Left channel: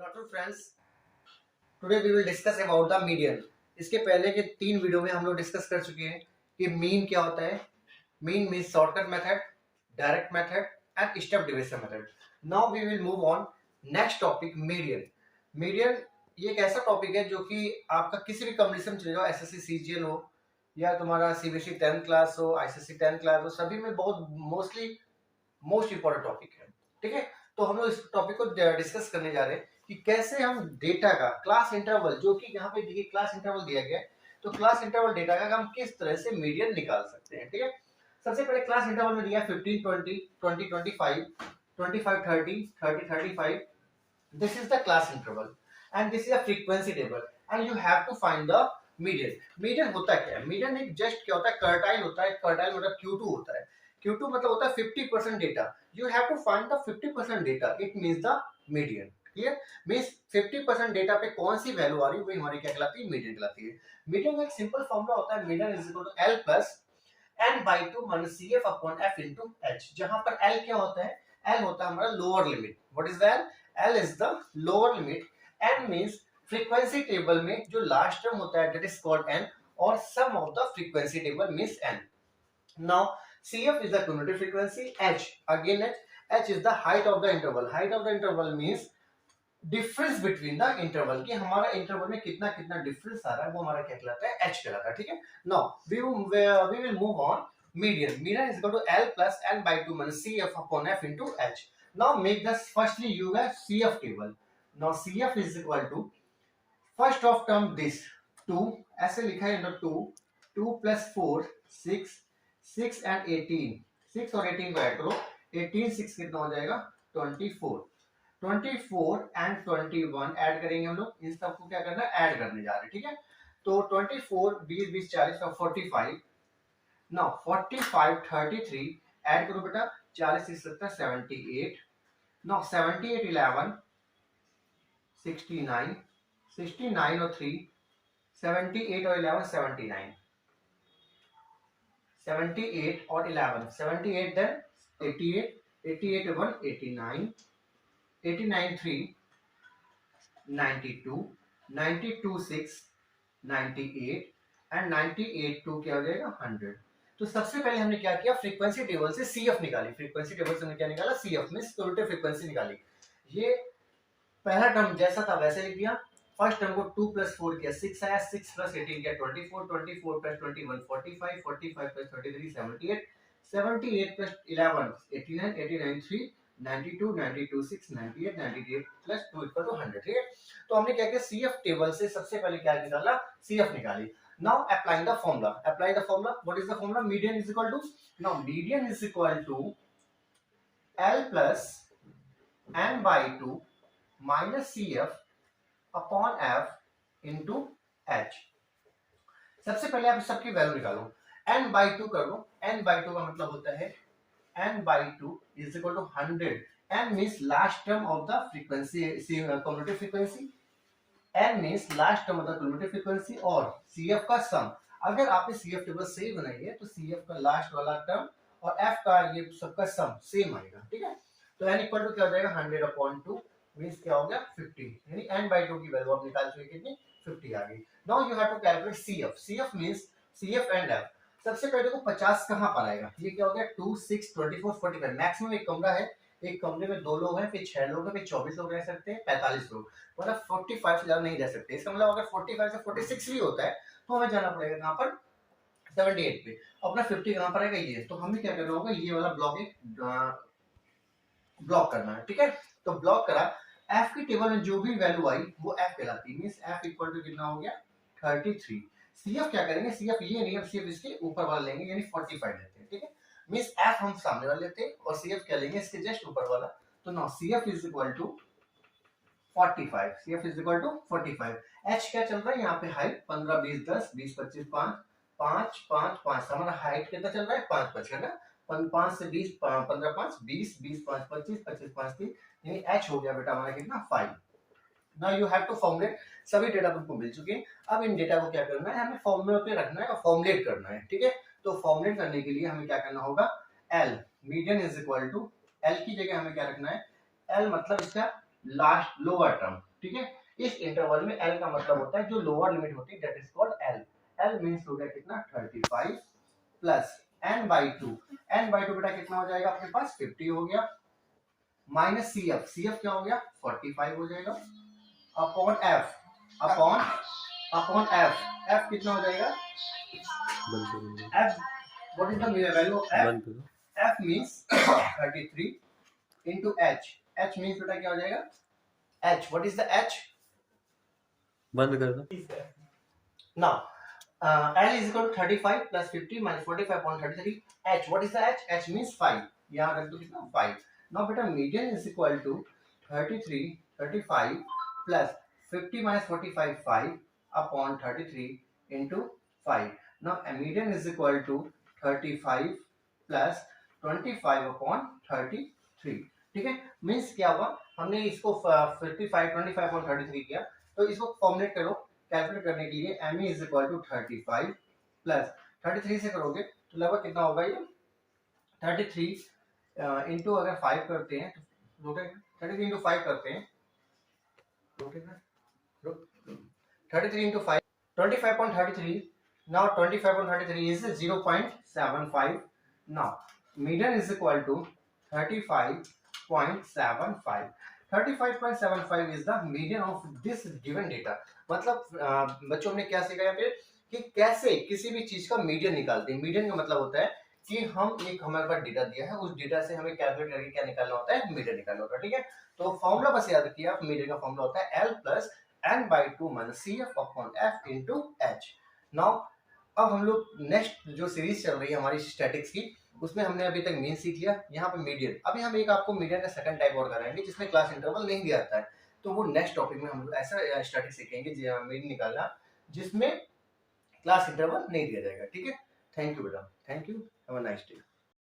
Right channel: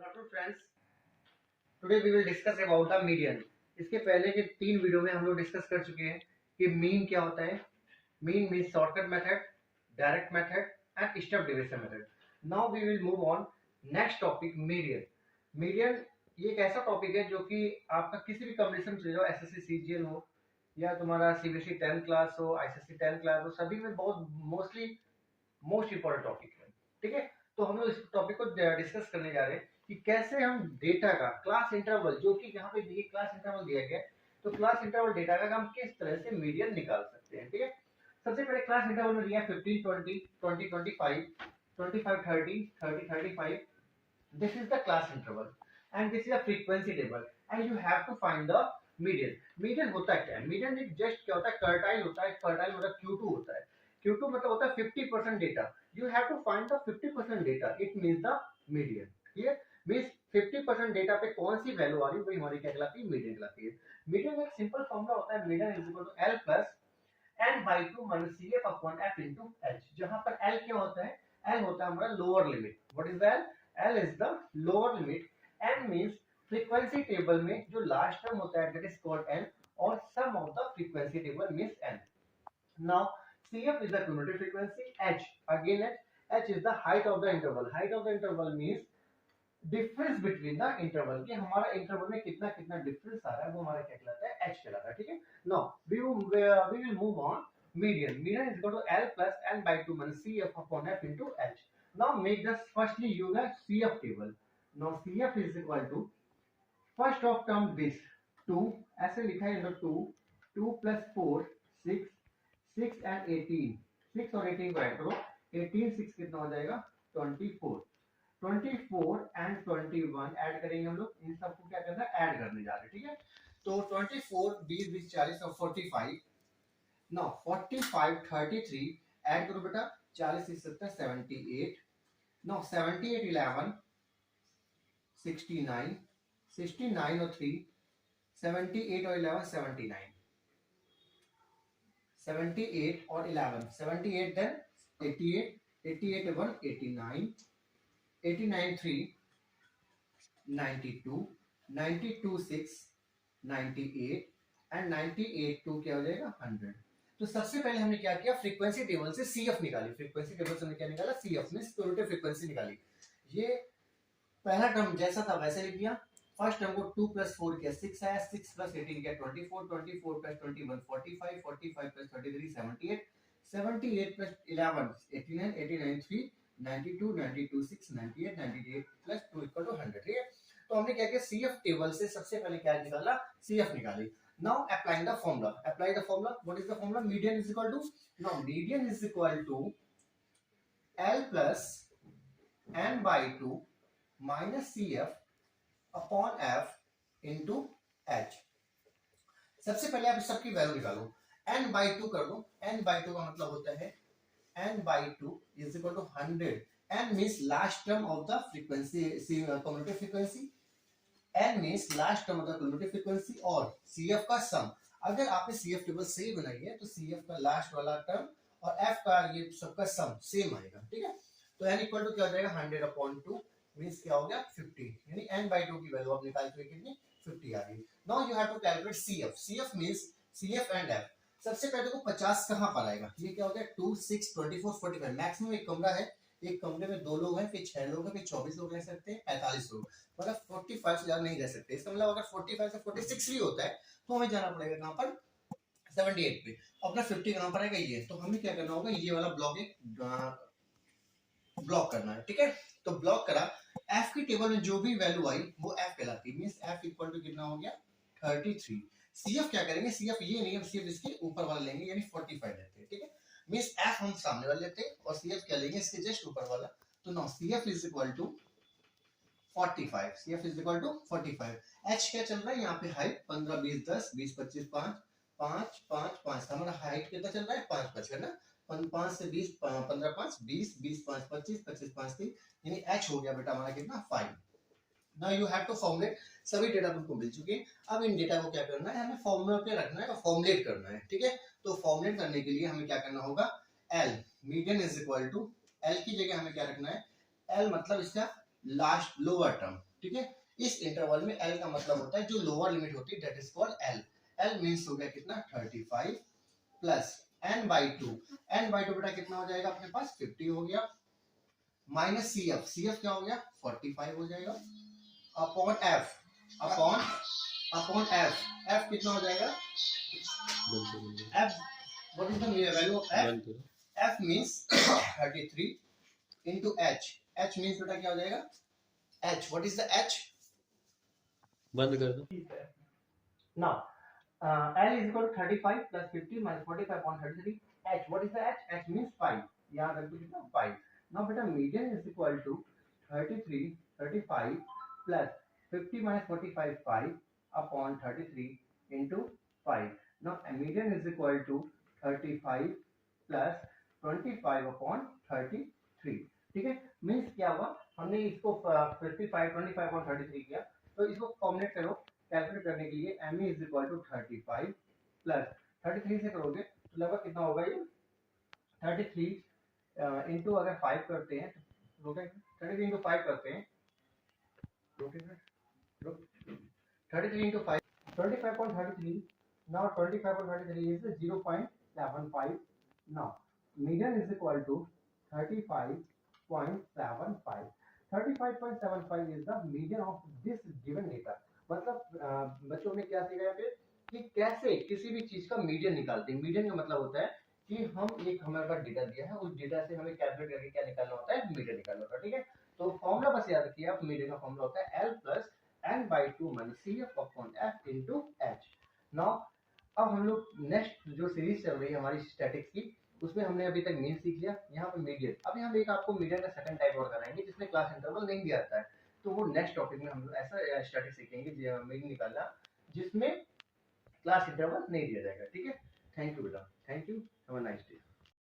Good afternoon friends, today we will discuss about the median. इसके पहले के 3 video में हम लोग डिस्कस कर चुके हैं कि मीन क्या होता है। Mean means shortcut method, direct method and step division method. Now we will move on next topic, median. Median ये एक ऐसा टॉपिक है जो कि आपका किसी भी कॉम्बिनेशन में चले जाओ, एसएससी सीजीएल हो या तुम्हारा सीबीएसई 10th क्लास हो, आईसीएससी 10th क्लास हो, सभी में बहुत मोस्ट इंपॉर्टेंट टॉपिक है। ठीक है, तो हम लोग इस टॉपिक को डिस्कस करने जा रहे हैं कि कैसे हम डेटा का क्लास इंटरवल, जो कि यहाँ पे देखिए क्लास इंटरवल दिया गया है, तो क्लास इंटरवल डेटा का हम किस तरह से मीडियन निकाल सकते हैं। ठीक है, सबसे पहले क्लास इंटरवल में दिया 15 20 20 25 25 30 30 35। This is the class interval and this is a frequency table and you have to find the median. Median होता क्या है? मीडियन एक जस्ट क्या होता है, कर्टाइल होता है। कर्टाइल मतलब Q2 होता है। Q2 मतलब होता है 50% data. You have to find the 50% data. It means the median. Clear? Means 50% data पे कौन सी वैल्यू आ रही है वही हमारी क्या कहलाती है, मीडियन कहलाती है। मीडियन का एक सिंपल फॉर्मूला होता है, median is equal to L plus n by 2 minus CF upon F into H। जहां पर L क्या होता है? L होता है हमारा lower limit. What is L? L is the lower limit. n means frequency table में जो लास्ट टर्म होता है दैट इज कॉल्ड n, और sum of the frequency table means n। Now CF is the cumulative frequency, H again H is the height of the interval. Height of the interval means difference between the interval, कि हमारा interval में कितना कितना difference आ रहा है वो हमारा क्या कहलाता है, H कहलाता है। ठीक है, now we will move on median. Median is equal to L plus n by 2 minus CF upon F into H। Now make the firstly you have CF table. Now CF is equal to first of term this 2, ऐसे लिखा है इधर 2 2 plus 4 6 6 and 18, 6 और 18 को add करो, 18 6 कितना हो जाएगा 24, 24 एंड 21 ऐड करेंगे हम लोग। इन सबको क्या करना है, ऐड करने जा रहे हैं। ठीक है, तो 24 20 20 40 और 45। नाउ 45 33 ऐड करो बेटा, 40 से 70 78। नाउ 78 11 69, 69 और 3 78 और 11 79, 78 और 11 78 then 88 88 1 89 89 3 92 92 6 98 एंड 98 2 क्या हो जाएगा 100। तो सबसे पहले हमने क्या किया, फ्रीक्वेंसी टेबल से CF निकाली। फ्रीक्वेंसी टेबल से हमने क्या निकाला, CF मींस क्यूमुलेटिव फ्रीक्वेंसी निकाली। ये पहला टर्म जैसा था वैसे लिख दिया। फर्स्ट टर्म को 2 प्लस 4 किया 6 आया, 6 प्लस 18 किया 24, 24 plus 21 45, 45 plus 33 78, 78 plus 11 89, 89 3 92, 92 6 98, 98 plus 2 equal to 100। ठीक है, तो हमने क्या किया, CF टेबल से सबसे पहले क्या निकाला, CF निकाली। Now applying the formula, apply the formula. What is the formula? Median is equal to, now median is equal to L plus n by 2 minus CF upon F into H। सबसे पहले आप सबकी value निकालो, n by 2 कर लो। n by 2 का मतलब होता है n by 2 is equal to 100। n means last term of the frequency, cumulative frequency. n means last term of the cumulative frequency और CF का सम। अगर आपने CF टेबल सही बनाई है तो CF का लास्ट वाला टर्म और F का ये सबका सम सेम आएगा। ठीक है, तो n इक्वल टू क्या हो जाएगा 100 अपॉन 2 मींस क्या हो गया 50, यानी n बाई 2 की वैल्यू आप निकाल चुके, कितनी 50 आ गई। Now you have to calculate CF। CF means CF and F। सबसे पहले देखो 50 कहां पर आएगा, ये क्या हो गया 2 6 24 45। मैक्सिमम एक कमरा है, एक कमरे में 2 लोग हैं, फिर 6 लोग हैं, फिर 24 लोग रह सकते हैं, 45 लोग, मतलब 45 से ज्यादा नहीं रह सकते। इसका मतलब अगर 45 से 46 भी होता है तो हमें जाना पड़ेगा कहां पर, 78 पे। अपना 50 कहां पर आएगा, ये। तो हमें क्या करना होगा, ये वाला ब्लॉक एक ब्लॉक करना है। ठीक है, तो ब्लॉक करा। F की टेबल में जो भी वैल्यू आई वो F कहलाती है। मींस F इक्वल टू कितना हो गया 33। CF क्या करेंगे, CF ये नहीं है, CF इसके ऊपर वाला लेंगे, यानी 45 लेते हैं। ठीक है, मींस F हम सामने वाला लेते हैं और CF क्या लेंगे, इसके जस्ट ऊपर वाला। तो now CF is equal to 45। CF is equal to 45। H क्या चल रहा है यहाँ पे, हाइट 15 20 10 20 25 5 5 5 5। हमारा हाइट कितना चल रहा है 5 5 है ना, 5 से 20 15 5 20 20 5 25 25 5 3, यानी H हो गया बेटा हमारा कितना 5। Now you have to formulate. सभी डेटा तुमको मिल चुके हैं, अब इन डेटा को क्या करना है, हमें फॉर्मूला पे रखना है और फॉर्मुलेट करना है। ठीक है, तो फॉर्मुलेट करने के लिए हमें क्या करना होगा, L median is equal to, L की जगह हमें क्या रखना है, L मतलब इसका लास्ट लोअर टर्म, ठीक है। इस इंटरवल में एल का मतलब होता है जो लोअर लिमिट होती है that is called L. L means हो गया कितना 35 plus n by two. n by two बेटा कितना हो जाएगा आपके पास 50 हो गया, minus C F, C F क्या हो गया 45 हो जाएगा, upon F, upon upon F, F कितना हो जाएगा F, what is the value of F, F means 33 into h, h means बेटा क्या हो जाएगा h, what is the h, बंद कर दो। now l is equal to 35 plus 50 minus 45 upon 33, h, what is the h, h means 5, यहाँ रख दो कितना 5। now बेटा median is equal to 33 35 plus 50 minus 45 5 upon 33 into 5, now a median is equal to 35 plus 25 upon 33, ठीक है। Means क्या हुआ हमने इसको 55 25 और 33 किया, तो इसको फॉर्मुलेट करो कैलकुलेट करने के लिए m is equal to 35 plus 33 से करोगे तो लगभग कितना होगा ये 33 इंटू अगर 5 करते हैं तो रोटेगा 33 इंटू 5 करते हैं रोटेगा 33 into 5 25.33, now 25.33 is 0.75, now median is equal to 35.75, 35.75 is the median of this given data। मतलब बच्चों ने क्या सीखा यहाँ पे कि कैसे किसी भी चीज का मीडियन निकालते हैं। मीडियन का मतलब होता है कि हम एक हमारे पास डेटा दिया है, उस डेटा से हमें कैलकुलेट करके क्या निकालना होता है मीडियन निकालना होता है, ठीक है। तो फॉर्मूला बस याद रखिए आप, मीडियन का फॉर्मूला होता है L plus n by 2 minus CF upon F into H। Now अब हम लोग नेक्स्ट जो सीरीज चल रही है हमारी स्टैटिक्स की, उसमें हमने अभी तक मीन सीख लिया, यहाँ पे मीडियन। अभी हम एक आपको मीडियन का सेकंड टाइप और कराएंगे जिसमें क्लास इंटरवल नहीं दिया जाता है, तो वो नेक्स्ट टॉपिक में हम लोग ऐसा स्टैटिक्स सीखेंगे मीन निकालना जिसमें क्लास इंटरवल नहीं दिया जाएगा, ठीक है। थैंक यू बेटा, thank you, have a nice day.